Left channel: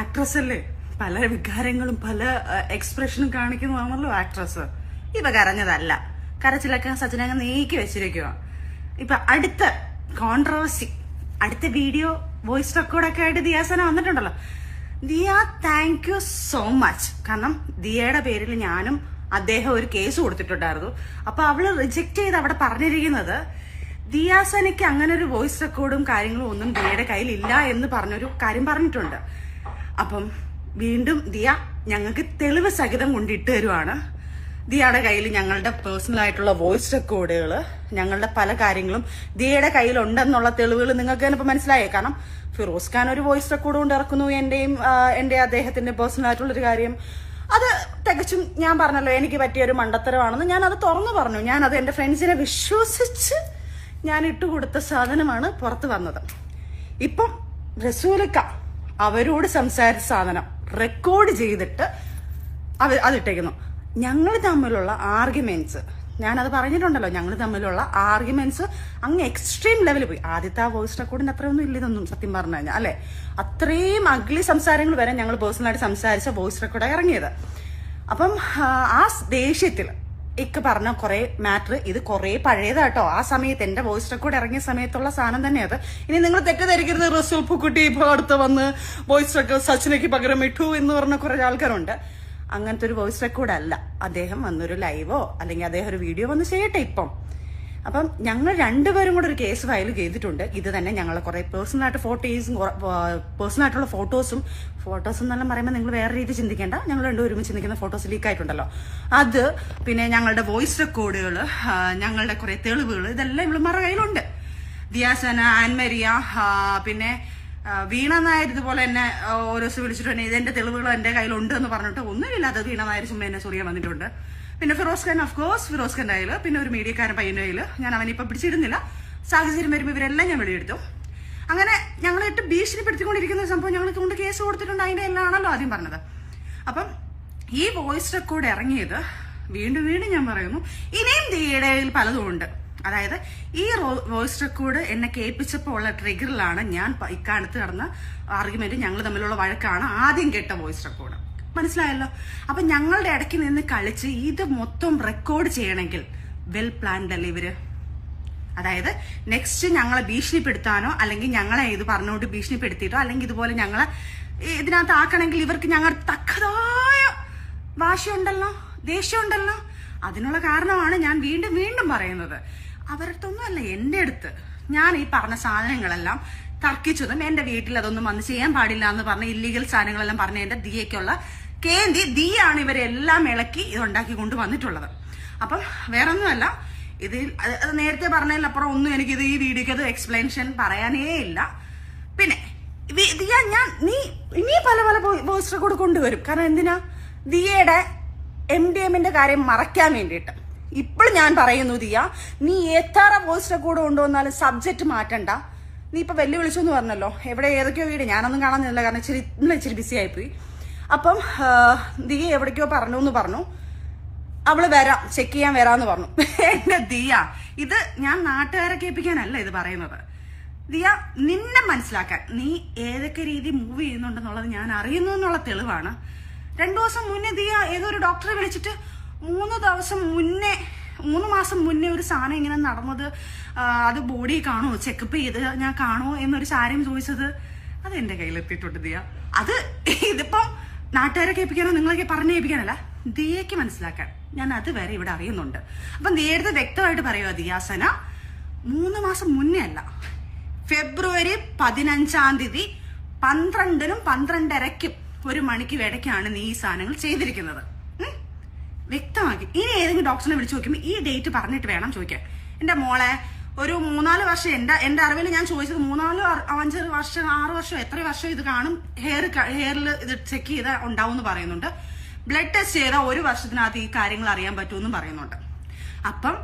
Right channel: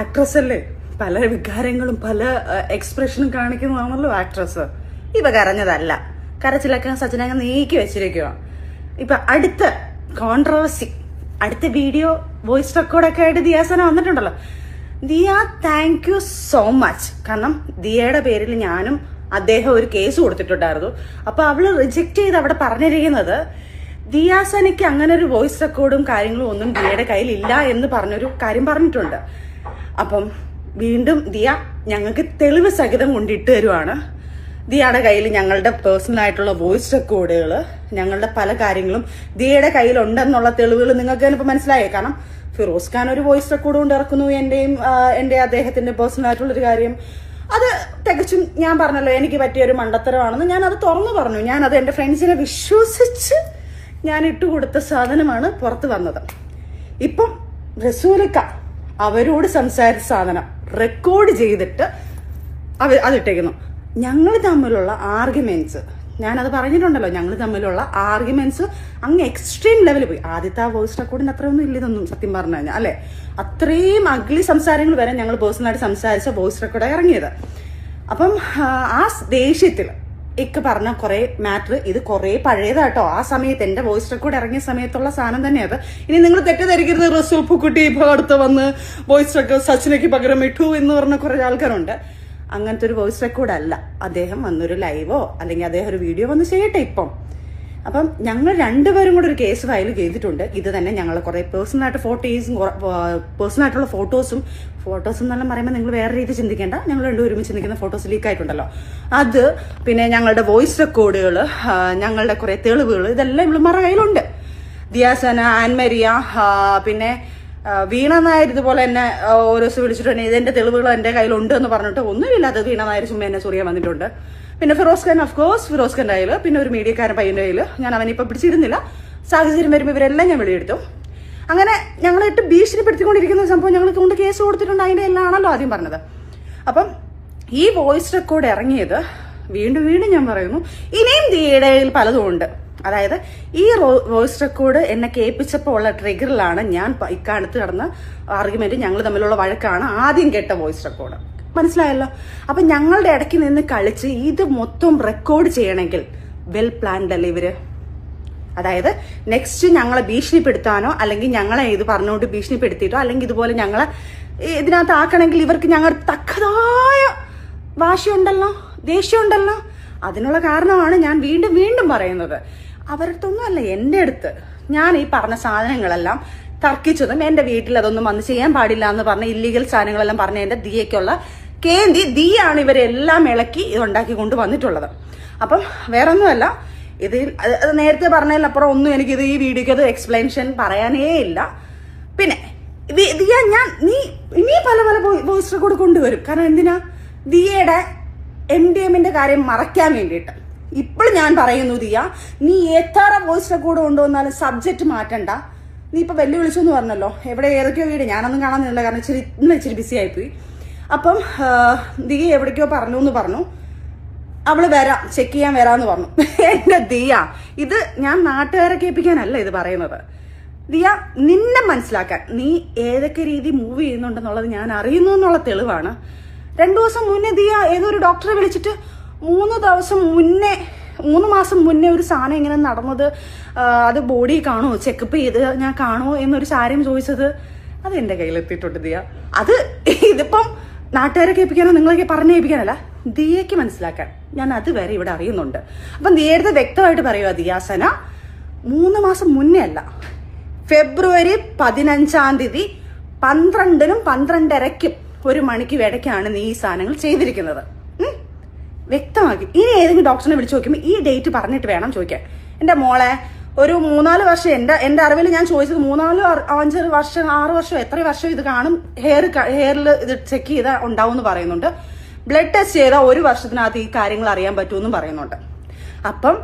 Actress അല്ലേ, പല വികാരങ്ങളും പല എക്സ്പ്രഷനും കാണിക്കുന്നതാണല്ലോ ആക്ട്രസ്. ഇവ കരഞ്ഞതല്ല, കരച്ചിലൊക്കെ സച്ചിനങ്ങ് നീക്കി വെച്ചിരിക്കുക. ഇപ്പൊ അടുത്ത കോൺട്രവേഴ്സി, അടുത്ത വീഡിയോ വോയിസ് റെക്കോർഡൊക്കെ ആയിട്ട് ദിയാസന വന്നിട്ടുണ്ടല്ലോ. Diya, thank you so much. കാരണം ദിയയുടെ പേരിൽ ഞാനും അദ്ദേഹം ഒരു കേസ് കൊടുത്തിട്ടുണ്ടായിരുന്നു. അപ്പൊ അവള് റിജക്ട് ചെയ്ത് അവിടെ പറഞ്ഞിരിക്കുന്നത് ദിയാസനയ്ക്ക് അങ്ങനെ ഒരു വോയിസ് റെക്കോർഡും കാര്യങ്ങളും ഒന്നും ദിയയുടെ കയ്യിൽ ഇല്ല എന്ന് പറഞ്ഞൊരു കാര്യം പറഞ്ഞിട്ടുണ്ട്. അപ്പം വീണ്ടും ദിയ ഞങ്ങൾക്ക് തെളിവ് സഹിതം കൊണ്ടിട്ട് തരുവാണ്. ദിയയുടെ കയ്യിൽ ഞങ്ങളുടെ പേഴ്സണൽ ആയിട്ടുള്ള വോയിസ് റെക്കോർഡുകൾ, ഞങ്ങളുടെ പല കാര്യങ്ങളും ദിയയുടെ കയ്യിലുണ്ടെന്നുള്ള തെളിവുകൾ നിങ്ങൾക്ക് തന്നെ ഇപ്പൊ മനസ്സിലായേ. കാരണം ഫിറോസ് ഖാൻ ഒരു വോയിസ് റെക്കോർഡ് കൊണ്ട് ഇറക്കുന്നു, എന്റെ അദ്ദേഹത്തിന്റെ പേഴ്സണൽ ആയിട്ടുള്ളൊരു കാര്യം. അത് തികച്ചും ഞാൻ പറഞ്ഞല്ലോ എനിക്ക് പറ്റിയൊരു മണ്ടത്തരമാണെന്ന് ഞാൻ അത് തുറന്നു പറഞ്ഞു. ഞാനത് എന്റെ ഫ്രണ്ട്സിനെ വിശ്വസിച്ച് ഞാൻ ഇട്ടുകൊടുത്ത സാധനമാണ് പുറത്ത് വന്നത്. ഇപ്പം റസൂലക്ക അവരോട് സംസാരിച്ച സാധനം റെക്കോർഡ് ചെയ്തിട്ട് അതിട്ടേക്കുന്നു. ഞങ്ങൾ തമ്മിലുള്ള ആർഗ്യുമെന്റ്സ്, ഞാനത് പറഞ്ഞിട്ടുണ്ടല്ലോ, ഞങ്ങൾ തമ്മിലുള്ള ആർഗ്യുമെന്റ്സ് അങ്ങ് എക്സ്ട്രീം ലെവലിൽ പോയി. ആദ്യത്തെ ആ വോയിസ് റെക്കോർഡിന് അത്രയൊന്നും ഇല്ലതൊന്നും സത്യം പറഞ്ഞു കഴിഞ്ഞാൽ, അല്ലെ? അത്രയും അഗ്ലി സംസാരങ്ങൾ വരെ ഞങ്ങൾ പേഴ്സണലായിട്ട് സംസാരിച്ച വോയിസ് റെക്കോർഡാണ് ഇറങ്ങിയത്. അപ്പം ആ ദേഷ്യത്തിൽ ഇക്ക് പറഞ്ഞ കുറെ മാറ്റർ, ഇത് കുറെ പഴയതാട്ടോ. ആ സമയത്ത് എന്റെ വോയിസ് റെക്കോർഡ് ഇറങ്ങിയ സമയത്തുള്ള സാധനം തന്നെ അത്. ഇനി നിങ്ങൾ തെറ്റിദ്ധരിക്കരുത്, റസൂൽ പൂക്കുട്ടി ഇപ്പൊ അടുത്ത് വന്ന് വോയിസ് റെക്കോർഡ് സച്ചിനയ്ക്ക് പകരം ഇട്ടു എന്ന് പറഞ്ഞ കുറെ ആൾക്കാരുണ്ട്. അങ്ങനത്തെ ഒരു വോയിസ് റെക്കോർഡ് അല്ല. അദ്ദേഹം വന്നൊരു ലൈവോ അല്ലെങ്കിൽ അദ്ദേഹം ഒരു വീഡിയോ വന്ന് ചെയ്യട്ടെ ഇപ്പം. അപ്പം ഞങ്ങൾ രണ്ടുപേരും കൂടെ ഒരു കേസ് ഫയൽ ചെയ്തിട്ടുണ്ട്. ഇത് തന്നെ ഞങ്ങൾ കുറെ പേഴ്സണലായിട്ട് പേഴ്സണലായിട്ടുള്ള ഫോട്ടോസും എന്നെല്ലാം പറയുമ്പോൾ നിങ്ങൾ വേറെ രീതി ചിന്തിക്കേണ്ട. ഞങ്ങൾ രണ്ടും ഒരുമിച്ച് ചിന്തിക്കുന്ന ഫോട്ടോസ് ലീക്ക് ആയിട്ടുണ്ടല്ലോ, അത് പിന്നെ ഞങ്ങളുടെ വോയിസ് റെക്കോർഡുകൾ, ഞങ്ങളുടെ കുറെ തെളിവുകൾ, ഇതെല്ലാം ഇവളുമാരുടെ കയ്യിലുണ്ട്. ദിയാസന, ആൻമരിയ, പിന്നെ വീണ നായർ ഇതുപോലെ എന്നെ ഓരോ ദിവസം വിളിച്ചിട്ടുണ്ട്. ഇതിന്റെ തെളിവുകൾ എന്റെ കയ്യിലുണ്ട് എന്ന് പറഞ്ഞിട്ട് ഒന്നുമില്ലാത്തത് വീണ നായർ ചുമ്മാ എന്നെ ചൊറിയാൻ വന്നിട്ടുണ്ട്. പിന്നെ ഫിറോസ് ഖാൻ, ഓഫ്കോഴ്സ് ഫിറോസ് ഖാന്റെ കയ്യിൽ, പിന്നെ ഒരു മീഡിയക്കാരൻ പയ്യന്റെ കയ്യിൽ. ഞാൻ അവനിപ്പൊ പിടിച്ചിരുന്നില്ല, സാഹചര്യം വരുമ്പോൾ ഇവരെല്ലാം ഞാൻ വെളിയെടുത്തു. അങ്ങനെ ഞങ്ങളിട്ട് ഭീഷണിപ്പെടുത്തിക്കൊണ്ടിരിക്കുന്ന സംഭവം ഞങ്ങൾക്ക് കൊണ്ട് കേസ് കൊടുത്തിട്ടുണ്ട്. അതിന്റെ എല്ലാം ആണല്ലോ ആദ്യം പറഞ്ഞത്. അപ്പം ഈ വോയിസ് റെക്കോർഡ് ഇറങ്ങിയത് വീണ്ടും ഞാൻ പറയുന്നു, ഇനിയും ദിയയുടെ പലതും ഉണ്ട്. അതായത് ഈ വോയിസ് റെക്കോർഡ് എന്നെ കേൾപ്പിച്ചപ്പോൾ ഉള്ള ട്രിഗറിലാണ് ഞാൻ ഇക്കാലത്ത് നടന്ന ആർഗ്യുമെന്റ്, ഞങ്ങൾ തമ്മിലുള്ള വഴക്കാണ് ആദ്യം കേട്ട വോയിസ് റെക്കോർഡ്. മനസ്സിലായല്ലോ? അപ്പൊ ഞങ്ങളുടെ ഇടയ്ക്ക് നിന്ന് കളിച്ച് ഇത് മൊത്തം റെക്കോർഡ് ചെയ്യണമെങ്കിൽ വെൽ പ്ലാൻഡ് അല്ലേ ഇവര്? അതായത് നെക്സ്റ്റ് ഞങ്ങളെ ഭീഷണിപ്പെടുത്താനോ അല്ലെങ്കിൽ ഞങ്ങളെ ഇത് പറഞ്ഞുകൊണ്ട് ഭീഷണിപ്പെടുത്തിയിട്ടോ അല്ലെങ്കിൽ ഇതുപോലെ ഞങ്ങളെ ഇതിനകത്ത് ആക്കണമെങ്കിൽ ഇവർക്ക് ഞങ്ങളുടെ തക്കതായ വാശിയുണ്ടല്ലോ, ദേഷ്യമുണ്ടല്ലോ. അതിനുള്ള കാരണമാണ് ഞാൻ വീണ്ടും പറയുന്നത്. അവരടുത്തൊന്നും അല്ല, എന്റെ അടുത്ത് ഞാൻ ഈ പറഞ്ഞ സാധനങ്ങളെല്ലാം തർക്കിച്ചതും എന്റെ വീട്ടിൽ അതൊന്നും വന്ന് ചെയ്യാൻ പാടില്ല എന്ന് പറഞ്ഞ ഇല്ലീഗൽ സാധനങ്ങളെല്ലാം പറഞ്ഞ എന്റെ ദിയയ്ക്കുള്ള കേന്ദ്രി ദിയാണ് ഇവരെല്ലാം ഇളക്കി ഇതുണ്ടാക്കി കൊണ്ടുവന്നിട്ടുള്ളത്. അപ്പം വേറൊന്നുമല്ല, ഇത് നേരത്തെ പറഞ്ഞതിലപ്പുറം ഒന്നും എനിക്കിത് ഈ വീഡിയോക്ക് അത് എക്സ്പ്ലനേഷൻ പറയാനേ ഇല്ല. പിന്നെ ദിയ, നീ ഇനി പല വോയിസ് റെക്കോർഡ് കൊണ്ടുവരും. കാരണം എന്തിനാ? ദിയയുടെ MDMന്റെ കാര്യം മറയ്ക്കാൻ വേണ്ടിയിട്ട്. ഇപ്പോഴും ഞാൻ പറയുന്നു ദിയ, നീ എത്ര വോയിസ് റെക്കോർഡ് കൊണ്ടുവന്നാലും സബ്ജക്ട് മാറ്റണ്ട. നീ ഇപ്പൊ വെല്ലുവിളിച്ചു എന്ന് പറഞ്ഞല്ലോ, എവിടെ ഏതൊക്കെയോ വീട് ഞാനൊന്നും കാണാനില്ല, കാരണം ഇച്ചിരി ബിസി ആയിപ്പോയി. അപ്പം ദിയ എവിടേക്കോ പറഞ്ഞു, അവള് വരാം, ചെക്ക് ചെയ്യാൻ വരാന്ന് പറഞ്ഞു. എന്റെ ദിയ, ഇത് ഞാൻ നാട്ടുകാരെ കേൾപ്പിക്കാനല്ല ഇത് പറയുന്നത്. ദിയ, നിന്നെ മനസ്സിലാക്കാൻ, നീ ഏതൊക്കെ രീതി മൂവ് ചെയ്യുന്നുണ്ടെന്നുള്ളത് ഞാൻ അറിയുന്നു എന്നുള്ള തെളിവാണ്. 2 ദിവസം മുന്നേ ദിയ ഏതൊരു ഡോക്ടറെ വിളിച്ചിട്ട് 3 മാസം മുന്നേ ഒരു സാധനം ഇങ്ങനെ നടന്നത്, അത് ബോഡി കാണോ, ചെക്കപ്പ് ചെയ്ത് ഞാൻ കാണോ എന്നൊരു കാര്യം ചോദിച്ചത്, അത് എന്റെ കയ്യിലെത്തിയിട്ടുണ്ട് ദിയ. അത് ഇതിപ്പം നാട്ടുകാരെ കേൾപ്പിക്കാനോ നിങ്ങളൊക്കെ പറഞ്ഞു കേൾപ്പിക്കാനല്ല, ദിയയ്ക്ക് മനസ്സിലാക്കാൻ ഞാൻ അതുവരെ ഇവിടെ അറിയുന്നുണ്ട്. അപ്പം ദിയയുടെ വ്യക്തമായിട്ട് പറയുക, ദിയാസന 3 മാസം മുന്നേ അല്ല, ഫെബ്രുവരി 15-ാം തീയതി 12-നും 12:30-ക്കും 1 മണിക്ക് ഇടയ്ക്കാണ് നീ ഈ സാധനങ്ങൾ ചെയ്തിരിക്കുന്നത്. വ്യക്തമാക്കി. ഇനി ഏതെങ്കിലും ഡോക്ടറിനെ വിളിച്ചു നോക്കുമ്പോൾ ഈ ഡേറ്റ് പറഞ്ഞിട്ട് വേണം ചോദിക്കാൻ. എന്റെ മോളെ, ഒരു 3-4 വർഷം എന്റെ അറിവിൽ ഞാൻ ചോദിച്ചത് 3-5 വർഷം 6 വർഷം എത്ര വർഷം ഇത് കാണും, ഹെയറിൽ ഇത് ചെക്ക് ചെയ്താൽ ഉണ്ടാവും എന്ന് പറയുന്നുണ്ട്. ബ്ലഡ് ടെസ്റ്റ് ചെയ്താൽ 1 വർഷത്തിനകത്ത് ഈ കാര്യങ്ങൾ അറിയാൻ പറ്റുമെന്നും പറയുന്നുണ്ട്. അപ്പം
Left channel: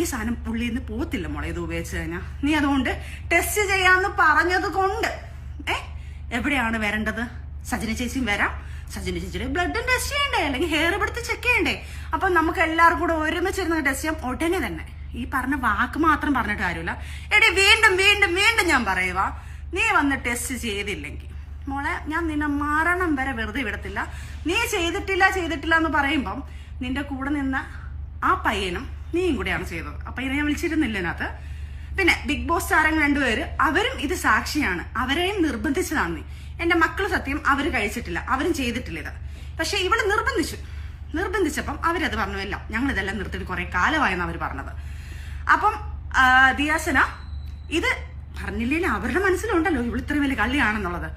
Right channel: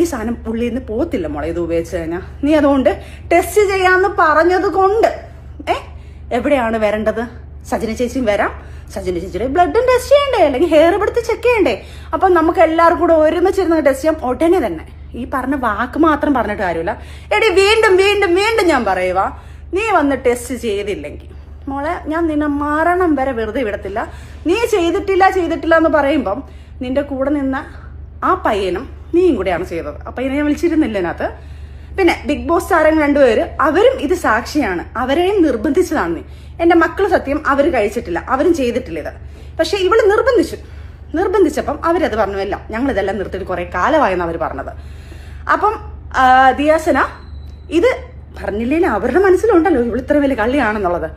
ഈ സാധനം പുള്ളിയിൽ നിന്ന് പോത്തില്ല മോളെ, ഇത് ഉപയോഗിച്ച് കഴിഞ്ഞാൽ. നീ അതുകൊണ്ട് ടെസ്റ്റ് ചെയ്യാന്ന് പറഞ്ഞത് കൊണ്ട് എവിടെയാണ് വരേണ്ടത്? സജിന ചേച്ചിയും വരാം, സജിന ചേച്ചിയുടെ ബ്ലഡും ടെസ്റ്റ് ചെയ്യണ്ടേ, അല്ലെങ്കിൽ ഹെയർ എടുത്ത് ചെക്ക് ചെയ്യണ്ടേ? അപ്പൊ നമുക്ക് എല്ലാവർക്കും കൂടെ ഒരുമിച്ചിരുന്ന് ടെസ്റ്റ് ചെയ്യാം ഉടനെ തന്നെ. ഈ പറഞ്ഞ വാക്ക് മാത്രം പറഞ്ഞിട്ട് കാര്യമില്ല. എടി വീണ്ടും ഞാൻ പറയുക, നീ വന്ന് ടെസ്റ്റ് ചെയ്തില്ലെങ്കിൽ മോളെ ഞാൻ നിന്നെ മരണം വരെ വെറുതെ വിടത്തില്ല. നീ ചെയ്തിട്ടില്ല എന്ന് പറയുമ്പം നിന്റെ കൂടെ നിന്ന ആ പയ്യനും നീയും കൂടെയാണ് ചെയ്തത്. ആ പയ്യനെ വിളിച്ചിരുന്നില്ല അതിനകത്ത്. പിന്നെ ബിഗ് ബോസ് താരങ്ങൾ രണ്ടുപേര് അവരും ഇത് സാക്ഷിയാണ്. അവരെയും നിർബന്ധിച്ചതാണ് നീ. എന്റെ മക്കള് സത്യം അവര് കഴിച്ചിട്ടില്ല, അവരും ചെയ്തിട്ടില്ല ഇത്. പക്ഷെ ഇവള് നിർബന്ധിച്ചപ്പം അവരത് പറഞ്ഞു, എല്ലാം ഞങ്ങൾ ഇതെല്ലാം നിർത്തിയിട്ട് കുറെ കാലമായെന്ന് അവര് പറഞ്ഞത്. അപ്പം ദിയാസന ഇത് പറഞ്ഞില്ലേലും അവരുടെ മനസ്സിലുണ്ടല്ലോ ഇവൾ ഇത്ര വലിയ കള്ളിയാണെന്നുള്ളത്.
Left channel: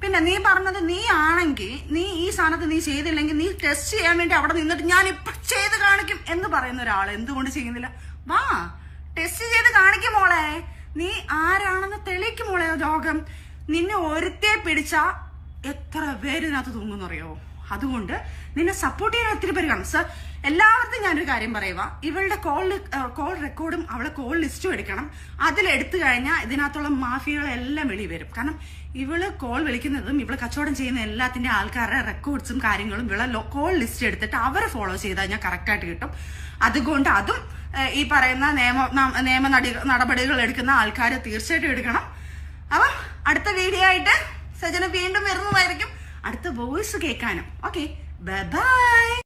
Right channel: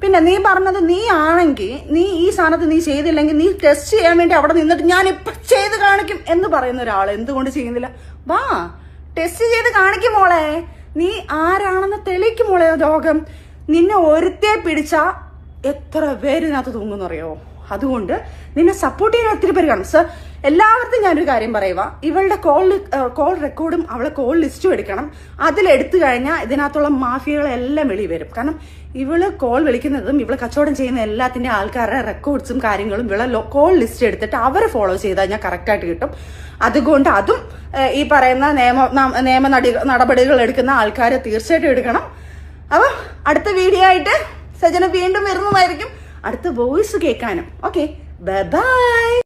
പിന്നെ നീ പറഞ്ഞത് നീ ആണെങ്കിൽ നീ ഈ സാധനത്ത് നീ ചെയ്തില്ലെങ്കിൽ നീ ടെസ്റ്റ് ചെയ്യാൻ വേണ്ടി അവിടെ നിന്നിട്ട് ഞാൻ ഇപ്പൊ ചെയ്ത് കാണിക്കും എന്ന് പറയുന്ന ഒരാൾ എന്തുകൊണ്ട് ചെയ്യുന്നില്ല? വാ ടെസ്റ്റ് ചെയ്ത് കാണിക്കും മോളെ. നീ ആരാണെന്ന് തെളിയിക്കും മോളെ. രോഗം നിന്നെ ഒരുത്തേ പിടിച്ചാ എത്ര പേരിനകത്ത് തൂങ്ങുന്നറിയോ? അതുകൊണ്ട് നിന്നെ സപ്പോർട്ട് ചെയ്യാൻ ഒത്തിരി പേര് കാണും. സർ എല്ലാവർക്കും ഞാനൊരു കാര്യം പറയുക, ഇവളുടെ കോൾ റെക്കോർഡും അവളെ കോൾ ലിസ്റ്റും എടുക്കണം. അതിലെടുത്തു കഴിഞ്ഞാൽ ഇതിനകത്തുള്ള മാഫിയകളെല്ലാം വെളി വരും. കാരണം ഇവള് കോൾ വിളിക്കുന്നതും ഇവള് കച്ചവടം ചെയ്യുന്ന എല്ലാത്തിന്റെ ആൾക്കാരുടെ റെക്കോർഡ്സും കാര്യങ്ങളും ഇവളെ കോൾ ലിസ്റ്റ് എടുത്തിട്ട് അവരെ ഫോളോ ചെയ്താൽ ഞാൻ കറക്റ്റായിട്ട് കിട്ടും. അതുകൊണ്ട് അതും ഈ പറയുന്ന നിയമ നടപടികൾ എടുക്കുന്ന ആൾക്കാരെ തീർച്ചയായിട്ടും എടുക്കണം. അപ്പൊ അടുത്ത വീഡിയോ ആയിട്ട് സജന വീണ്ടും വരുന്നതായിരിക്കും, അടുത്ത വോയിസ് കേൾക്കാനും. Okay, bye bye.